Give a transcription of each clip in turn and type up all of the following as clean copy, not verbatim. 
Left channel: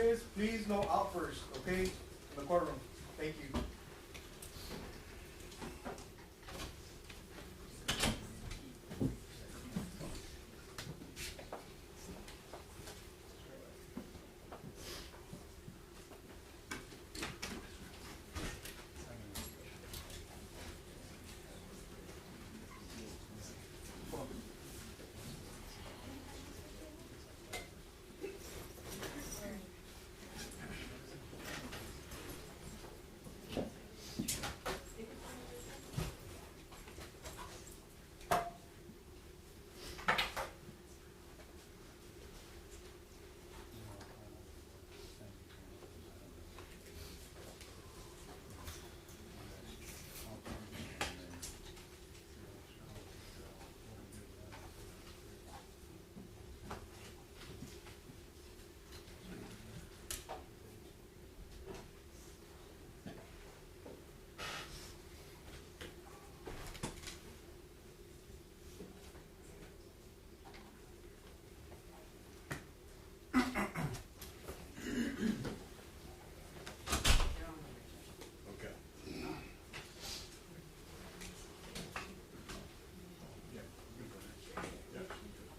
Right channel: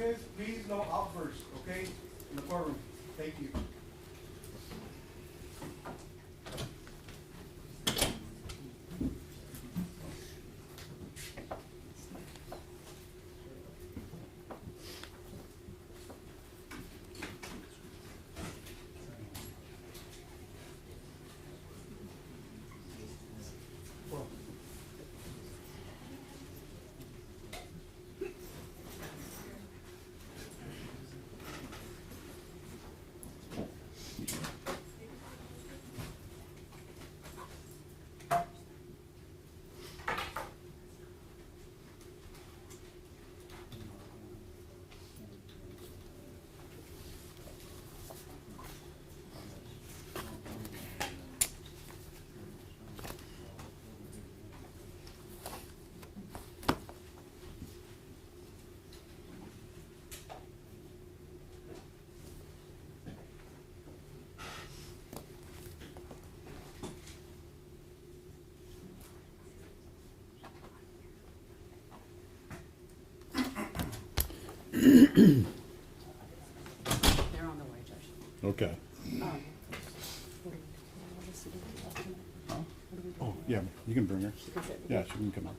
is, please no outbursts, okay, in the courtroom. Thank you. They're on the way, Judge. Okay. Oh, yeah, you can bring her. Yeah, she can come up.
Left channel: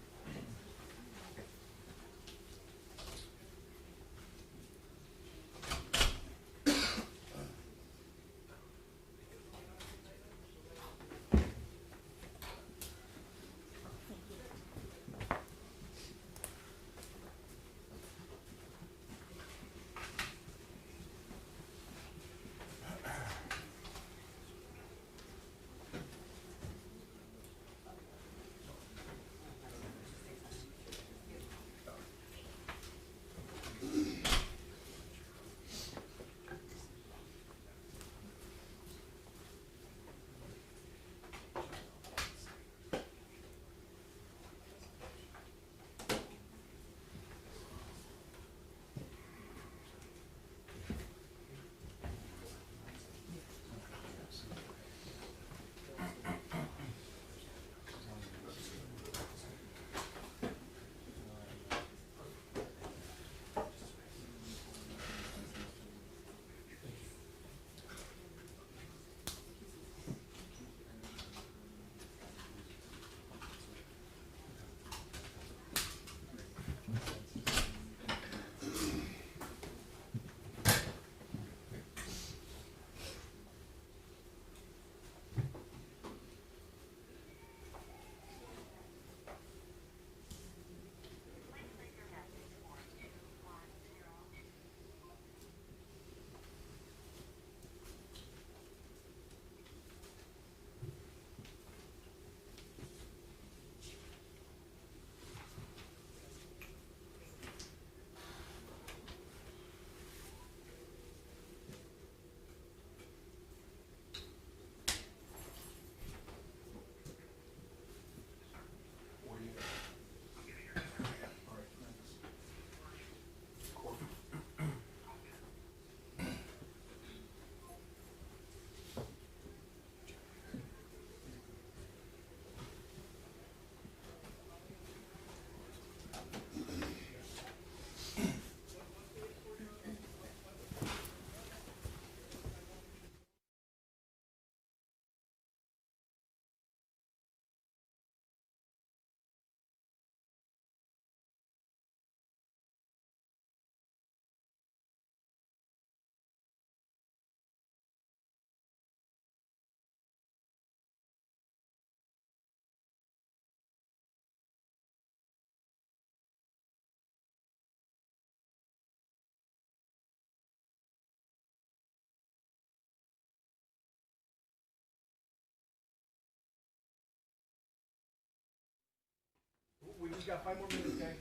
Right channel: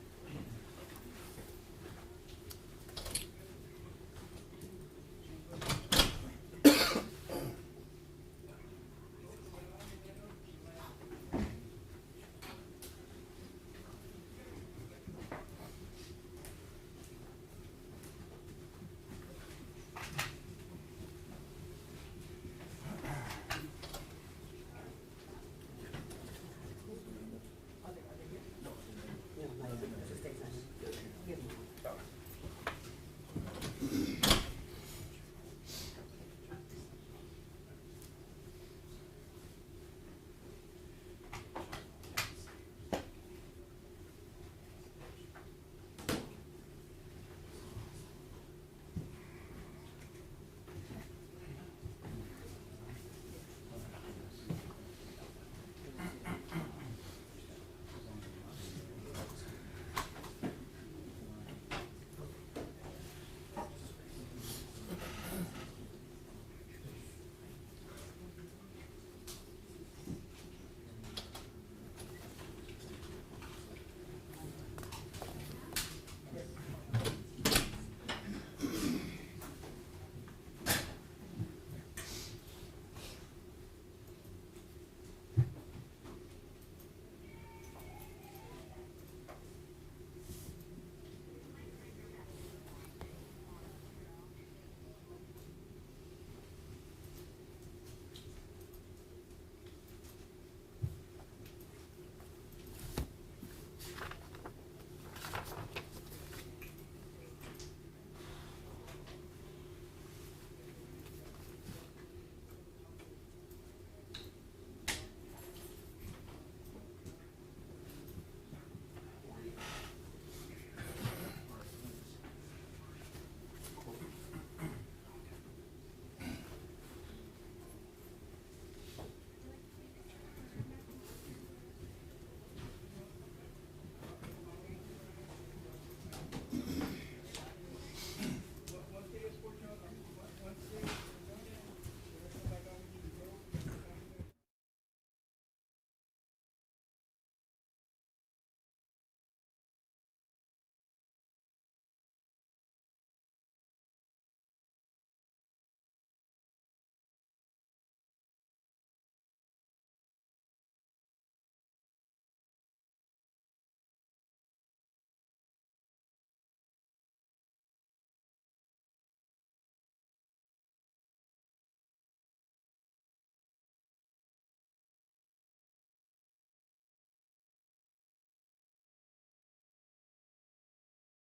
We just got 5 more minutes, guys.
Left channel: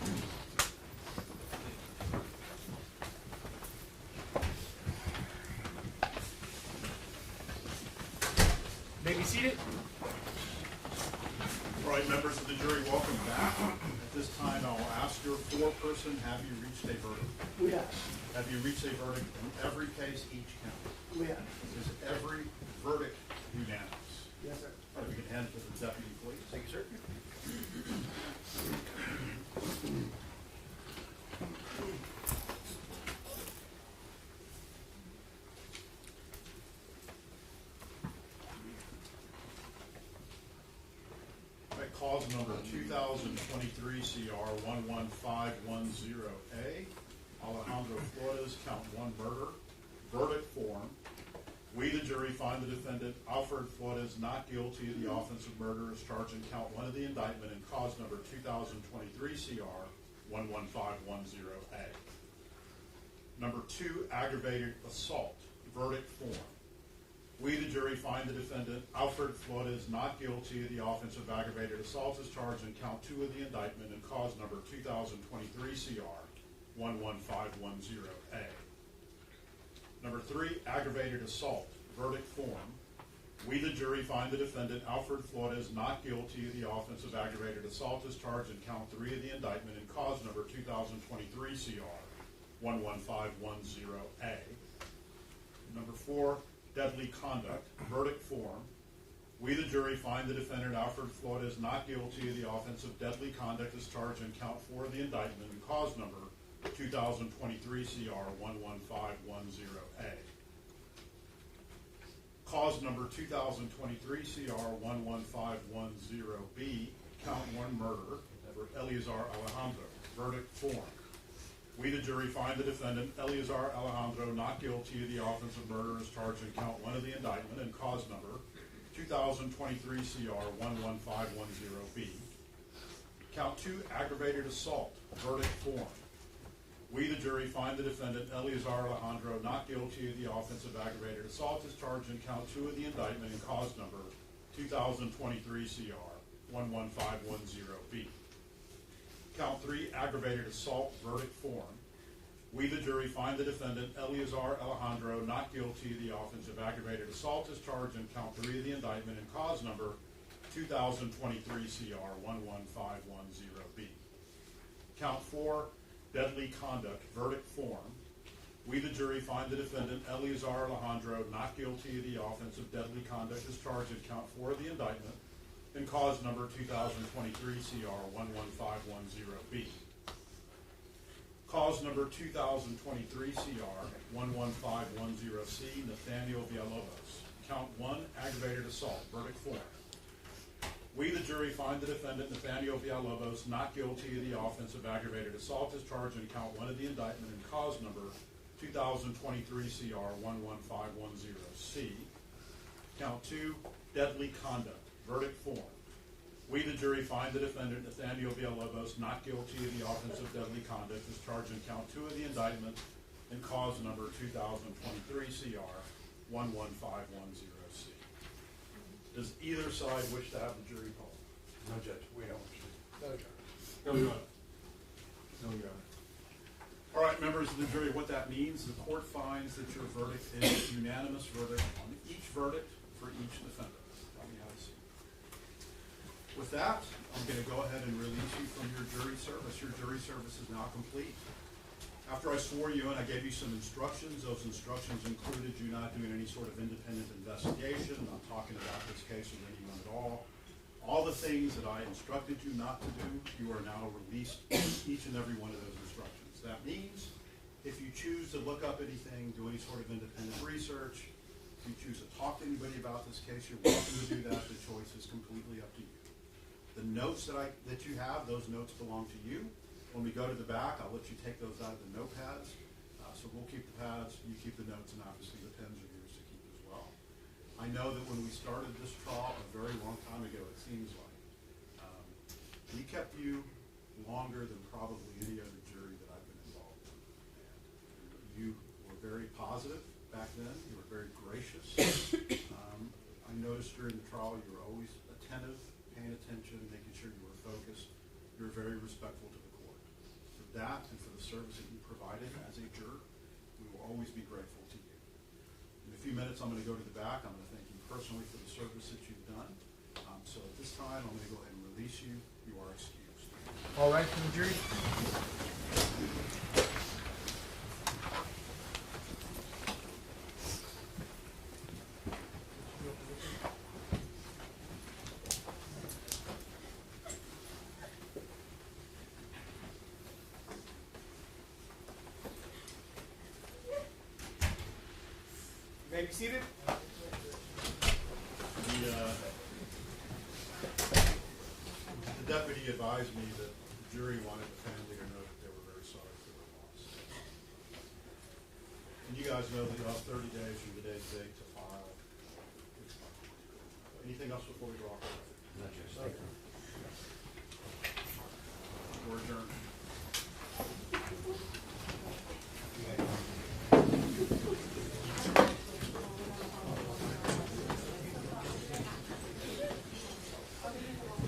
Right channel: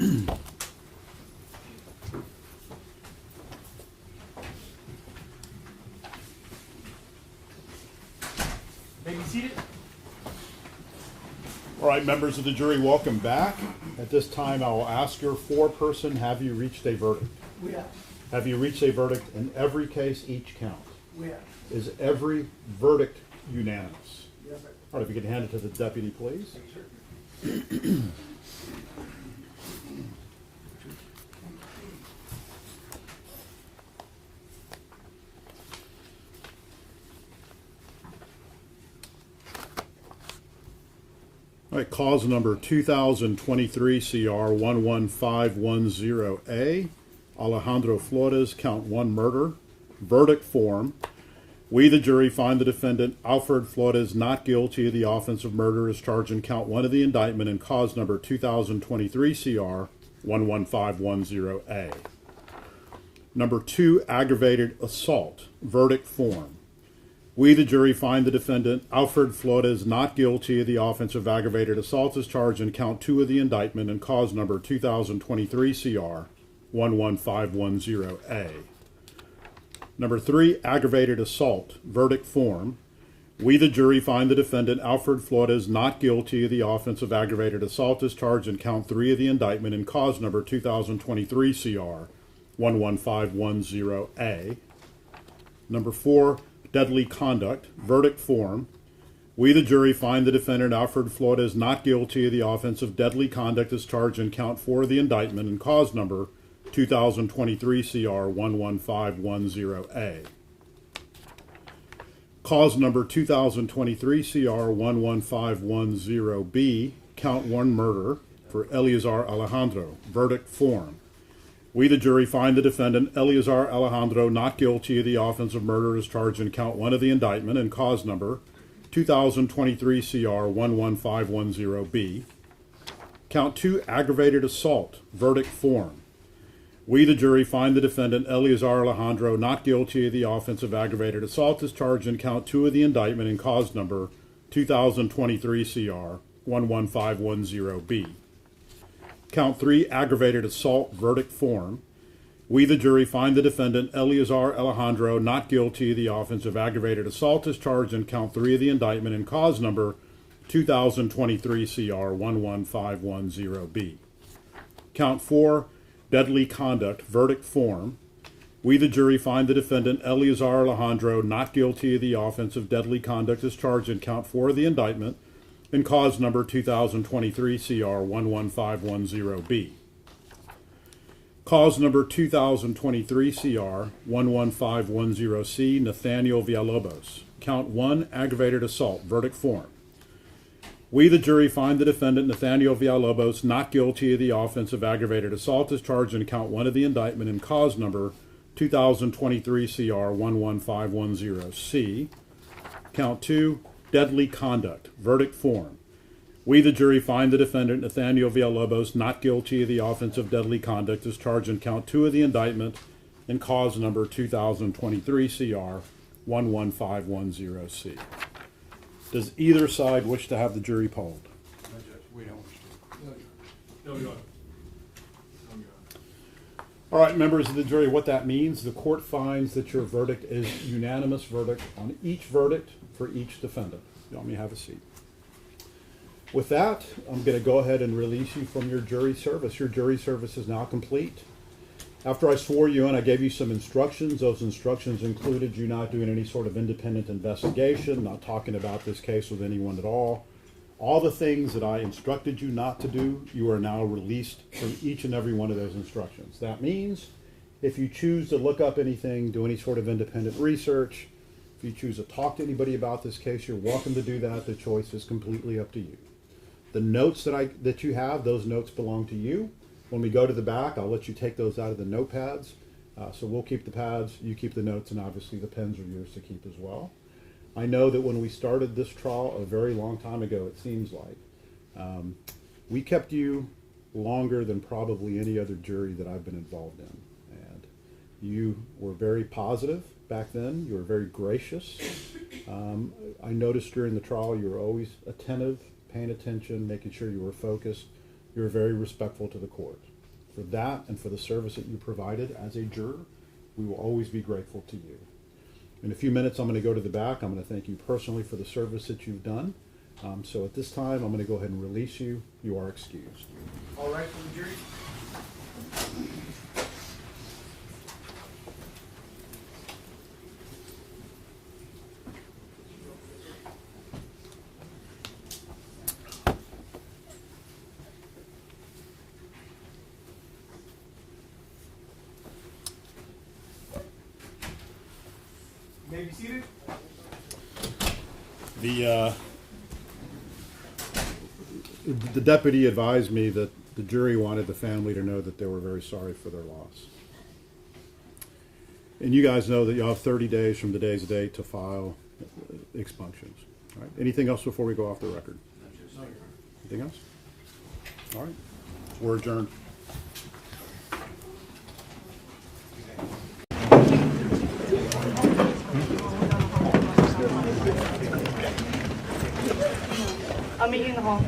May be seated. All right, members of the jury, welcome back. At this time, I will ask your foreperson, have you reached a verdict? We have. Have you reached a verdict in every case, each count? We have. Is every verdict unanimous? Yes, sir. All right, if you can hand it to the deputy, please. Thank you, sir. All right, cause number 2023 CR 11510A, Alejandro Flores, count 1 murder, verdict form. We, the jury, find the defendant, Alfred Flores, not guilty of the offense of murder as charged in count 1 of the indictment in cause number 2023 CR 11510A. Number 2, aggravated assault, verdict form. We, the jury, find the defendant, Alfred Flores, not guilty of the offense of aggravated assault as charged in count 2 of the indictment in cause number 2023 CR 11510A. Number 3, aggravated assault, verdict form. We, the jury, find the defendant, Alfred Flores, not guilty of the offense of aggravated assault as charged in count 3 of the indictment in cause number 2023 CR 11510A. Number 4, deadly conduct, verdict form. We, the jury, find the defendant, Alfred Flores, not guilty of the offense of deadly conduct as charged in count 4 of the indictment in cause number 2023 CR 11510A. Cause number 2023 CR 11510B, count 1 murder for Eleazar Alejandro, verdict form. We, the jury, find the defendant, Eleazar Alejandro, not guilty of the offense of murder as charged in count 1 of the indictment and cause number 2023 CR 11510B. Count 2, aggravated assault, verdict form. We, the jury, find the defendant, Eleazar Alejandro, not guilty of the offense of aggravated assault as charged in count 2 of the indictment and cause number 2023 CR 11510B. Count 3, aggravated assault, verdict form. We, the jury, find the defendant, Eleazar Alejandro, not guilty of the offense of aggravated assault as charged in count 3 of the indictment and cause number 2023 CR 11510B. Count 4, deadly conduct, verdict form. We, the jury, find the defendant, Eleazar Alejandro, not guilty of the offense of deadly conduct as charged in count 4 of the indictment in cause number 2023 CR 11510B. Cause number 2023 CR 11510C, Nathaniel Villalobos. Count 1, aggravated assault, verdict form. We, the jury, find the defendant, Nathaniel Villalobos, not guilty of the offense of aggravated assault as charged in count 1 of the indictment in cause number 2023 CR 11510C. Count 2, deadly conduct, verdict form. We, the jury, find the defendant, Nathaniel Villalobos, not guilty of the offense of deadly conduct as charged in count 2 of the indictment in cause number 2023 CR 11510C. Does either side wish to have the jury polled? No, Judge, we don't wish to. No, Judge. No, we don't. No, we don't. All right, members of the jury, what that means, the court finds that your verdict is unanimous verdict on each verdict for each defendant. Let me have a seat. With that, I'm going to go ahead and release you from your jury service. Your jury service is now complete. After I swore you in, I gave you some instructions. Those instructions included you not doing any sort of independent investigation, not talking about this case with anyone at all. All the things that I instructed you not to do, you are now released from each and every one of those instructions. That means if you choose to look up anything, do any sort of independent research, if you choose to talk to anybody about this case, you're welcome to do that. The choice is completely up to you. The notes that you have, those notes belong to you. When we go to the back, I'll let you take those out of the notepads. So we'll keep the pads, you keep the notes, and obviously the pens are yours to keep as well. I know that when we started this trial a very long time ago, it seems like, we kept you longer than probably any other jury that I've been involved in. And you were very positive back then. You were very gracious. I noticed during the trial you were always attentive, paying attention, making sure you were focused. You were very respectful to the court. For that and for the service that you provided as a juror, we will always be grateful to you. In a few minutes, I'm going to go to the back. I'm going to thank you personally for the service that you've done. So at this time, I'm going to go ahead and release you. You are excused. All right, for the jury. May be seated. The deputy advised me that the jury wanted the family to know that they were very sorry for their loss. And you guys know that you have 30 days from today's date to file expunctions. All right. Anything else before we go off the record? Anything else? All right. We're adjourned. I'll meet you in the hall.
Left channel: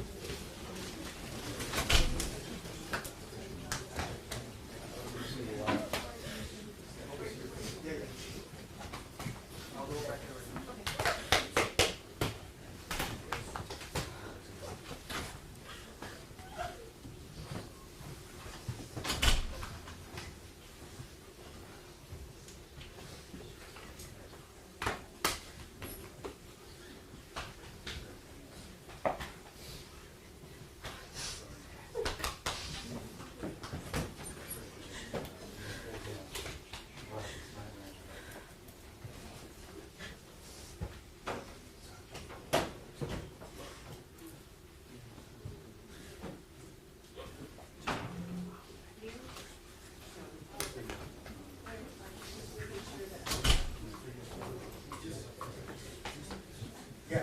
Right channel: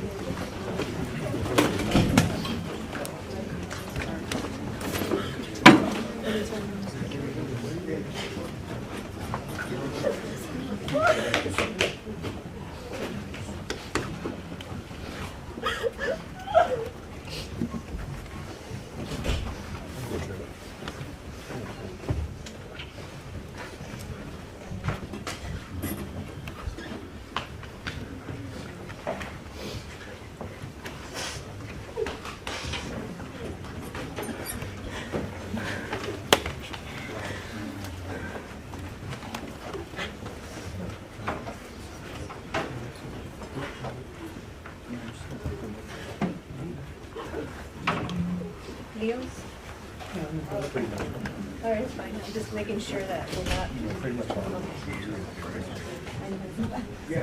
Leo? All right, it's fine. I'm just making sure that we're not. Yeah.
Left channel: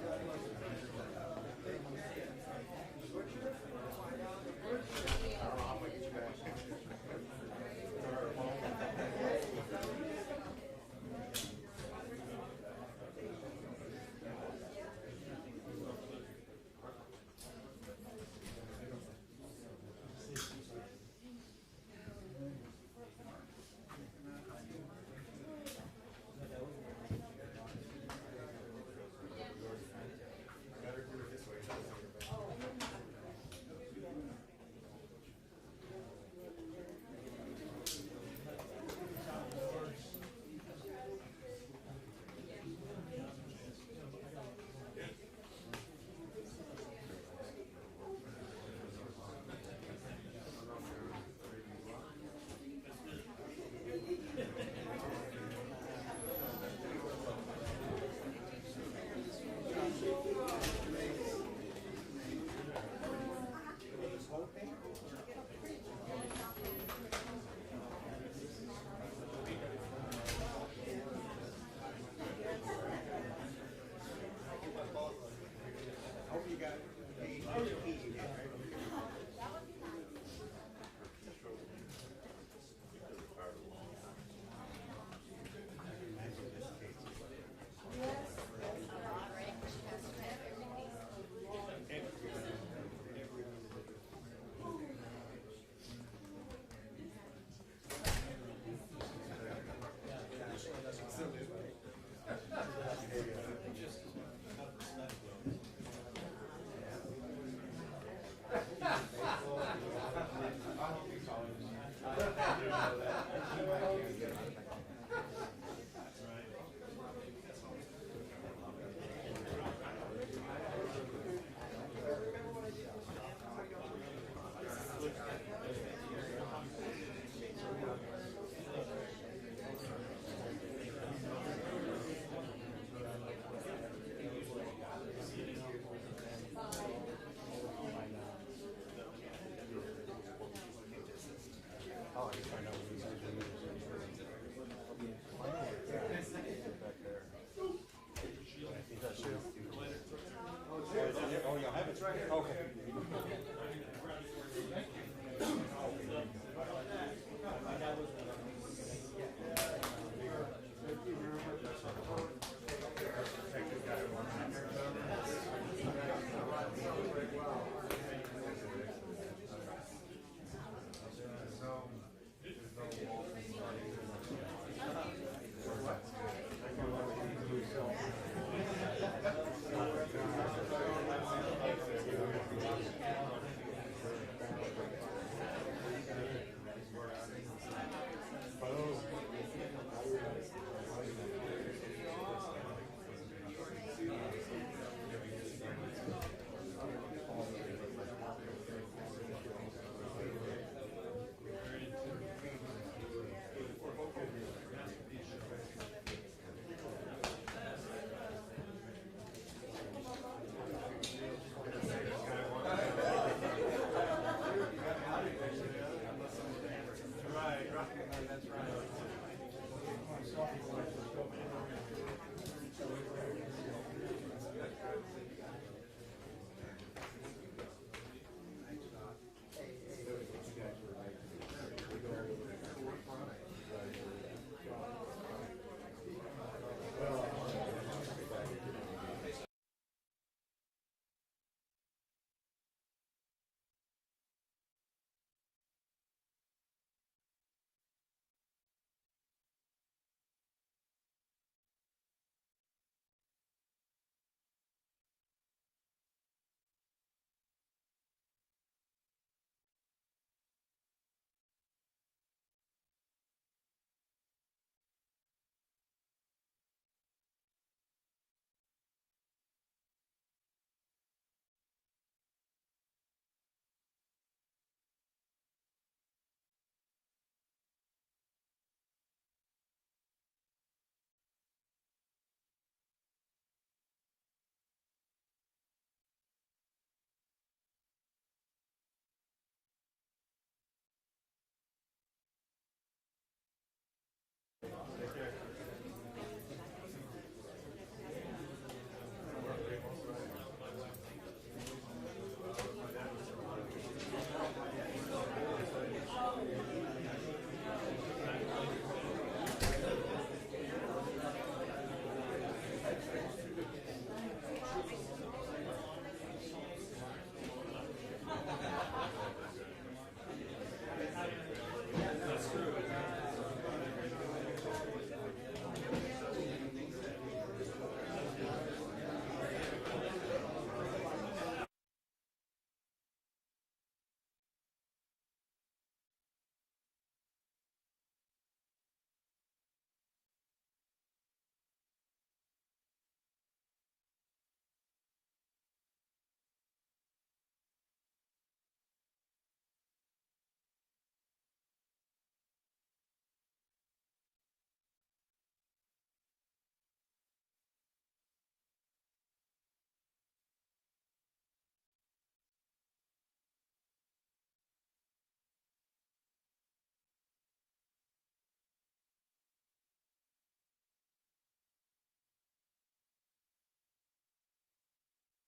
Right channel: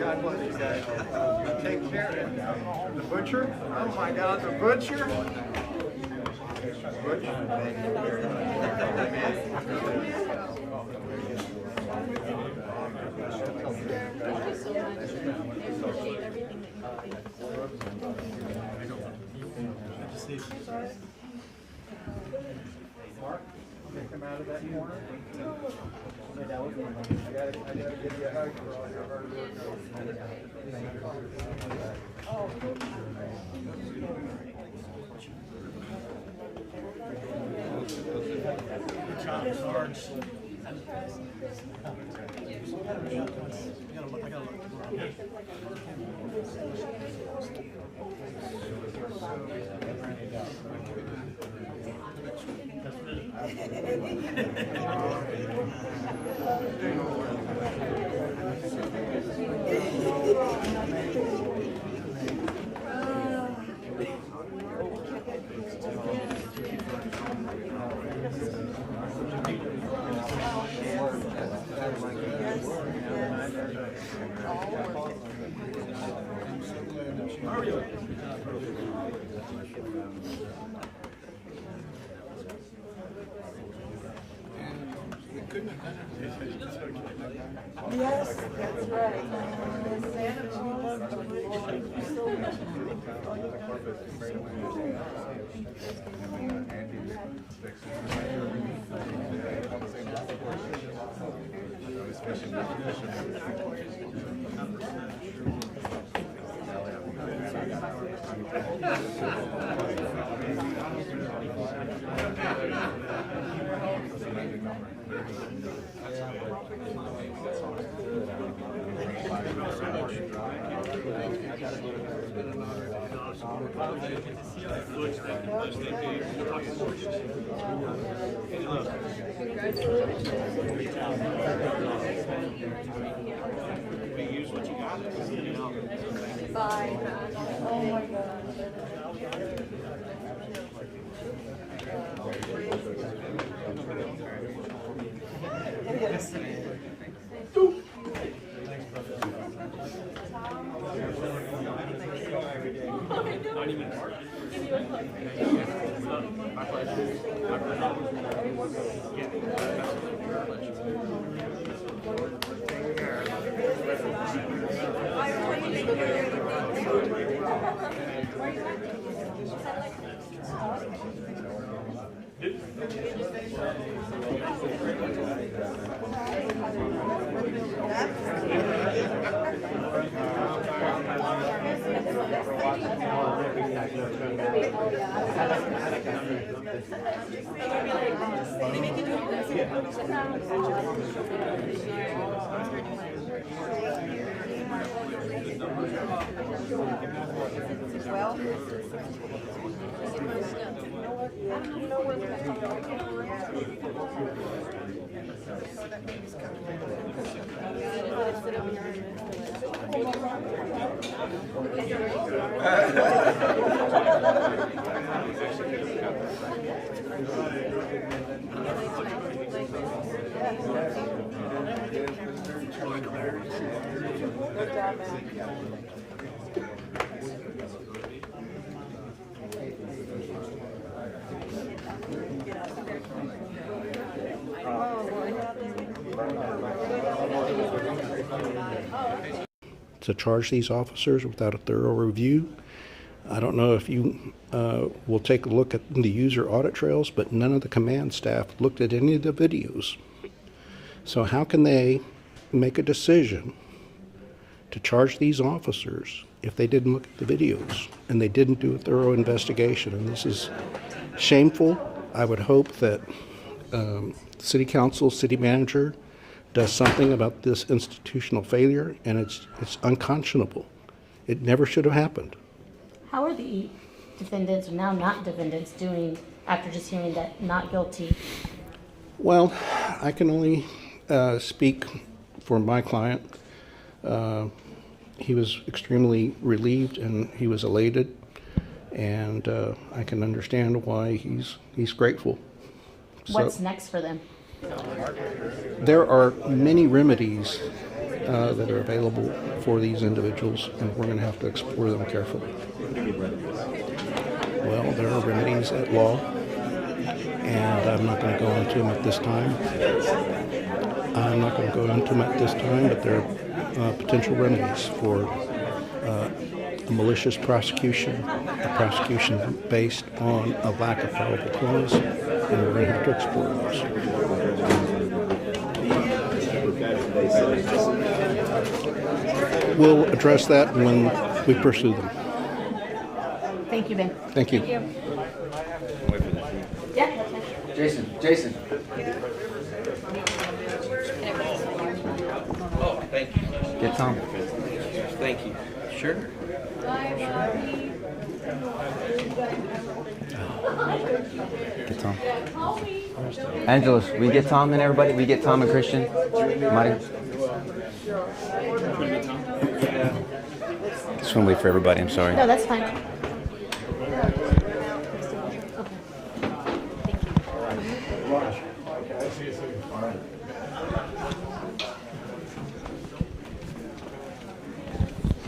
God bless you guys. Take care. The butcher? Oh my God, the butcher? Mark, take him out of that corner. I gotta give you a hug for all your hard work. Good job, Sarge. Yes, that's right. Bye. Oh my God. Well, good job, man. To charge these officers without a thorough review. I don't know if you will take a look at the user audit trails, but none of the command staff looked at any of the videos. So how can they make a decision to charge these officers if they didn't look at the videos and they didn't do a thorough investigation? And this is shameful. I would hope that city council, city manager does something about this institutional failure, and it's unconscionable. It never should have happened. How are the defendants, or now not defendants, doing after just hearing that not guilty? Well, I can only speak for my client. He was extremely relieved and he was elated, and I can understand why he's grateful. What's next for them? There are many remedies that are available for these individuals, and we're going to have to explore them carefully. Well, there are remedies at law, and I'm not going to go into them at this time. But there are potential remedies for a malicious prosecution, a prosecution based on a lack of probable cause, and we're going to have to explore those. We'll address that when we pursue them. Thank you, Ben. Thank you. Yeah, that's fine. Jason. Get Tom. Thank you. Sure. Get Tom. Angelos, we get Tom and everybody? We get Tom and Christian? Mari? Just want to wait for everybody, I'm sorry. No, that's fine.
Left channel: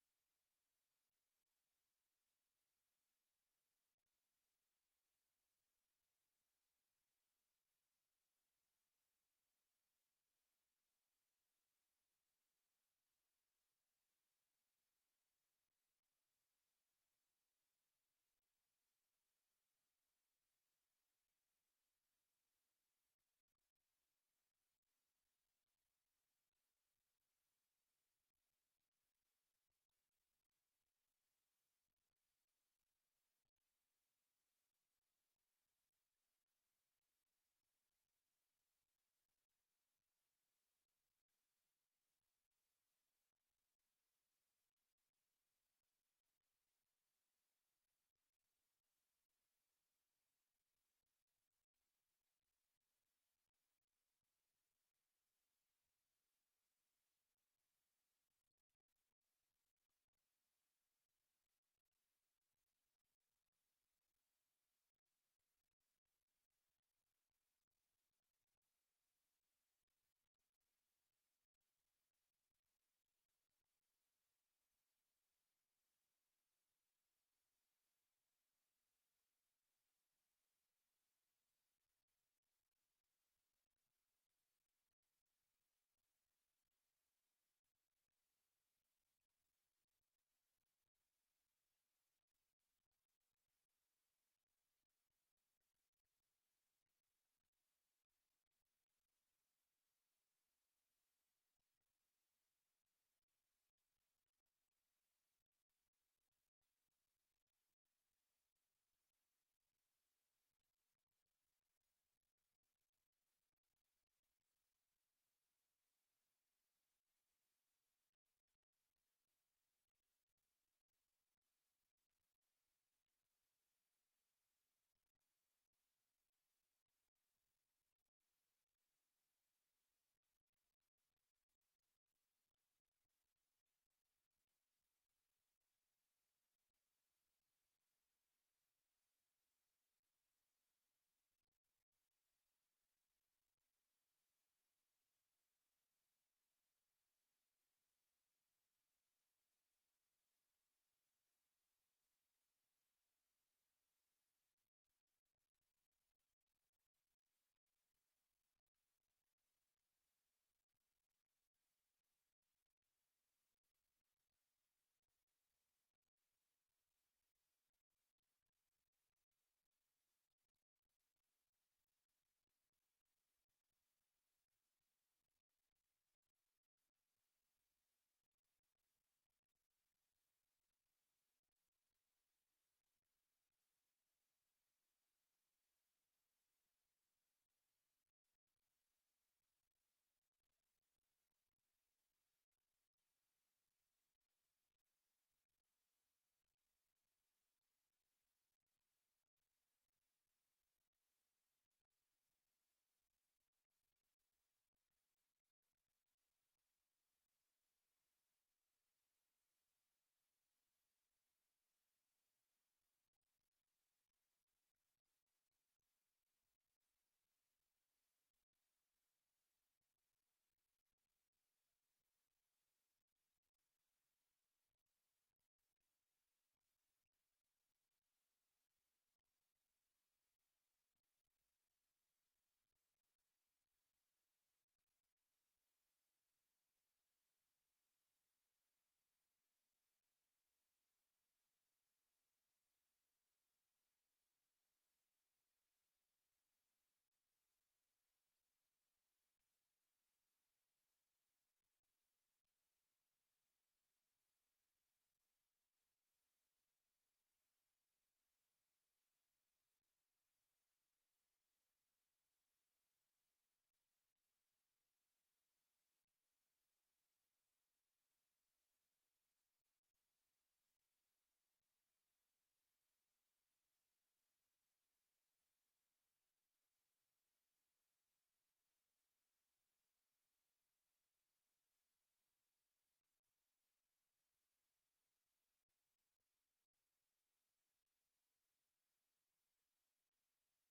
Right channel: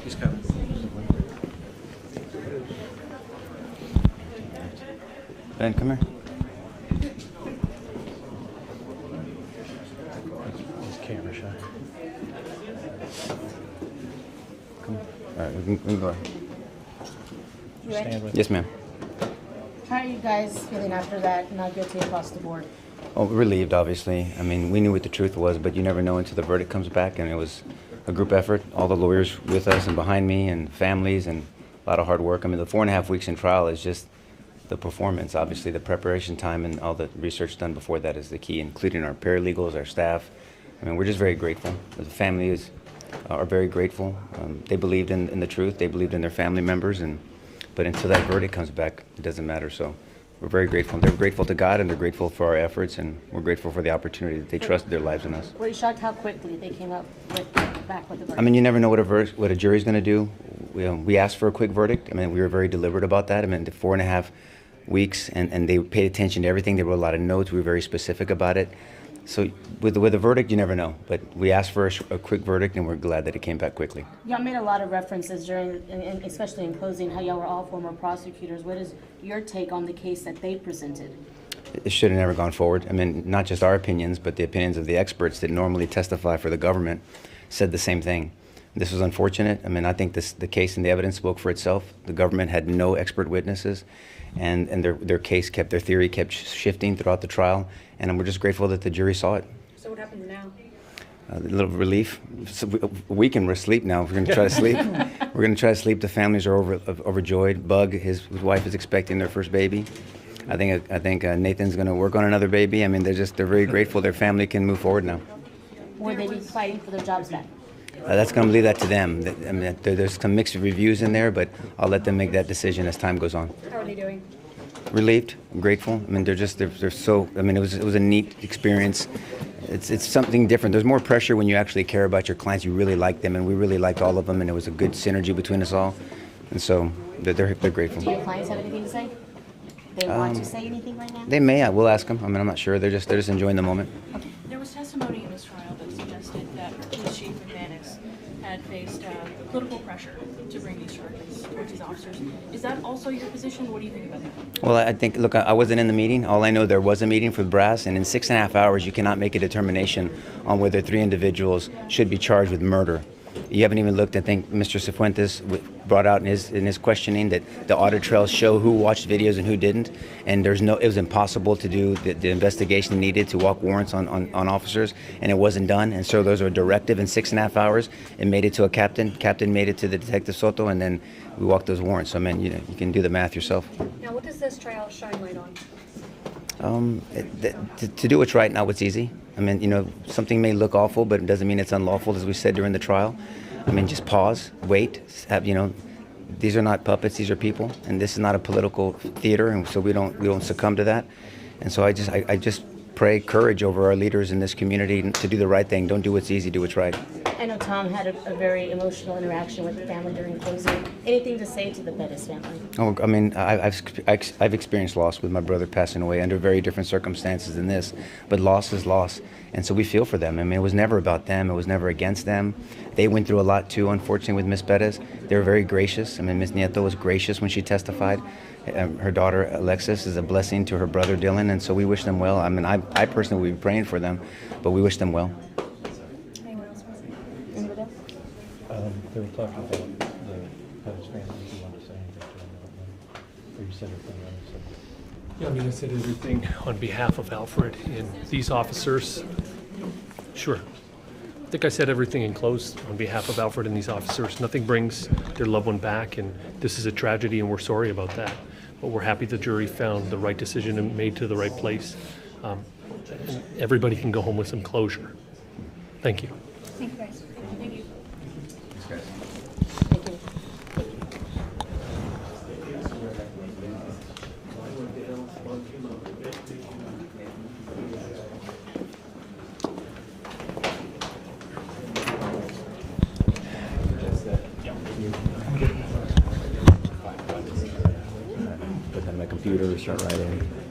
He's coming. Ben, come here. This camera shy. Come. All right, we can go. You ready? Yes, ma'am. How are you guys feeling after that not guilty across the board? Oh, relieved, obviously. I mean, we knew what the truth was, but you never know until the verdict comes back, and it was a group effort. All the lawyers with us and behind me, and families, and a lot of hard work. I mean, the 4.5 weeks in trial is just the performance. Obviously, the preparation time and all the research done before that is the key, including our paralegals, our staff. I mean, we're just very grateful. The families are very grateful. They believed in the truth. They believed in their family members, but until that verdict comes back, it doesn't matter. So we're very grateful. They're grateful to God, and they're grateful for our efforts, and we're grateful for the opportunity that they trusted their lives in us. Were you shocked how quickly they came up back with the verdict? I mean, you never know what a jury's going to do. We asked for a quick verdict. I mean, we were very deliberate about that. I mean, the 4.5 weeks, and they paid attention to everything. There were a lot of notes. We were very specific about it. So with a verdict, you never know. But we asked for a quick verdict, and we're glad that it came back quickly. Y'all made a lot of references during, and especially in closing, how y'all were all former prosecutors. What is your take on the case that they presented? It should have never gone forward. I mean, not just our opinions, but the opinions of the experts that normally testify for the government said the same thing. This was unfortunate. I mean, I think the case and the evidence spoke for itself. The government had no expert witnesses, and their theory kept shifting throughout the trial, and we're just grateful that the jury saw it. So what happens now? A little relief. So we can sleep now. We're going to try to sleep. We're going to try to sleep. The families are overjoyed. Bug, his wife, is expecting their first baby. I think Nathan's going to work on another baby. I mean, they're very grateful. Their family can move forward now. Will they be fighting for their jobs back? That's going to leave that to them. I mean, there's some mixed reviews in there, but I'll let them make that decision as time goes on. How are they doing? Relieved, grateful. I mean, they're so. I mean, it was a neat experience. It's something different. There's more pressure when you actually care about your clients. You really like them, and we really liked all of them, and it was a good synergy between us all. And so they're grateful. Do your clients have anything to say? They want to say anything right now? They may. We'll ask them. I mean, I'm not sure. They're just enjoying the moment. There was testimony in this trial that suggested that Police Chief McManus had faced political pressure to bring these charges towards his officers. Is that also your position? What do you think about that? Well, I think, look, I wasn't in the meeting. All I know, there was a meeting for the brass, and in 6.5 hours, you cannot make a determination on whether 3 individuals should be charged with murder. You haven't even looked. I think Mr. Cifuentes brought out in his questioning that the audit trails show who watched videos and who didn't, and it was impossible to do the investigation needed to walk warrants on officers, and it wasn't done. And so those are a directive in 6.5 hours. It made it to a captain. Captain made it to the Detective Soto, and then we walked those warrants. So, I mean, you can do the math yourself. Now, what does this trial shine light on? To do what's right, not what's easy. I mean, you know, something may look awful, but it doesn't mean it's unlawful, as we said during the trial. I mean, just pause, wait, have, you know, these are not puppets, these are people, and this is not a political theater, and so we don't succumb to that. And so I just pray courage over our leaders in this community to do the right thing. Don't do what's easy, do what's right. I know Tom had a very emotional interaction with the family during closing. Anything to say to the Perez family? Oh, I mean, I've experienced loss with my brother passing away under very different circumstances than this, but loss is loss, and so we feel for them. I mean, it was never about them. It was never against them. They went through a lot too, unfortunately, with Miss Perez. They were very gracious. I mean, Miss Nieto was gracious when she testified. Her daughter Alexis is a blessing to her brother Dylan, and so we wish them well. I mean, I personally will be praying for them, but we wish them well. Anybody else? They were talking about the Perez family. Do you want to say anything to them about them? Or you said everything else? Yeah, I mean, I said everything on behalf of Alfred and these officers. Sure. I think I said everything in close on behalf of Alfred and these officers. Nothing brings their loved one back, and this is a tragedy, and we're sorry about that. But we're happy the jury found the right decision and made to the right place. And everybody can go home with some closure. Thank you. Thank you, guys. Thank you. Thank you. Put that on my computer, start writing.